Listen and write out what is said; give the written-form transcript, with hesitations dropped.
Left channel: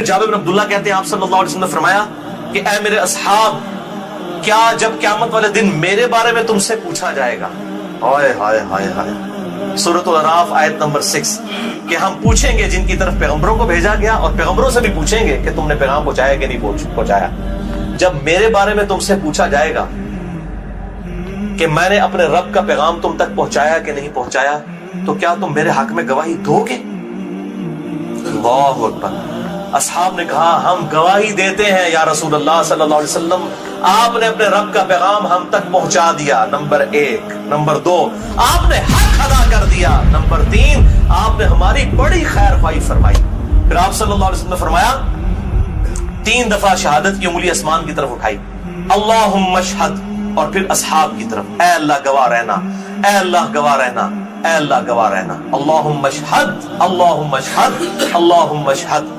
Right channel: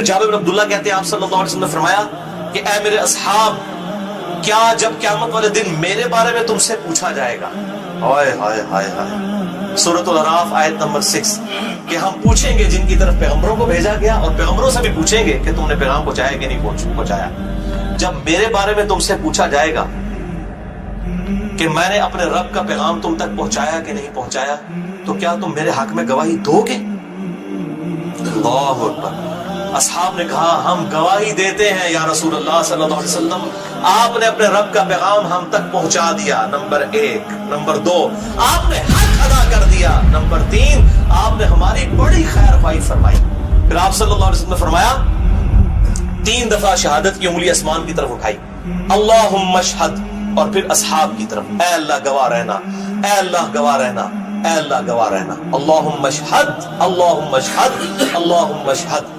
जाबिर बिन अब्दुल्लाह कहते हैं आप सल्लल्लाहु अलैहि वसल्लम ने फरमाया कि ऐ मेरे असहाब, क्या जब क़यामत वाले दिन मेरे बारे में तुमसे पूछा जाएगा, हाय हाय हाय हाय, सूरतुल अराफ आयत नंबर 6, कि हम पूछेंगे जिनकी तरफ पैगंबरों को भेजा गया और पैगंबरों से भी पूछेंगे कि तुमने पैगाम पहुंचाया कि नहीं पहुंचाया। जब मेरे बारे में तुमसे पूछा जाएगा कि मैंने अपने रब का पैगाम तुम तक पहुंचाया कि नहीं पहुंचाया, तो क्या तुम मेरे हक में गवाही दोगे? अल्लाहु अकबर। असहाब ने कहा, हम गवाही देते हैं या रसूल अल्लाह सल्लल्लाहु अलैहि वसल्लम, आपने अपने रब का पैगाम हम तक पहुंचा दिया, नंबर 1। नंबर 2, आपने हक अदा कर दिया। नंबर 3, आपने हमारी बड़ी खैर ख्वाही फरमाई। फिर आप सल्लल्लाहु अलैहि वसल्लम ने फरमाया, 3 दफा शहादत की उंगली आसमान की तरफ उठाई, अल्लाहुम्मा शहद, और फिर असहाब की तरफ, ऐ अल्लाह गवाह रहना, ऐ अल्लाह गवाह रहना, ऐ अल्लाह गवाह रहना, अल्लाहुम्मा शहद, अल्लाहुम्मा शहद, अल्लाहुम्मा शहद।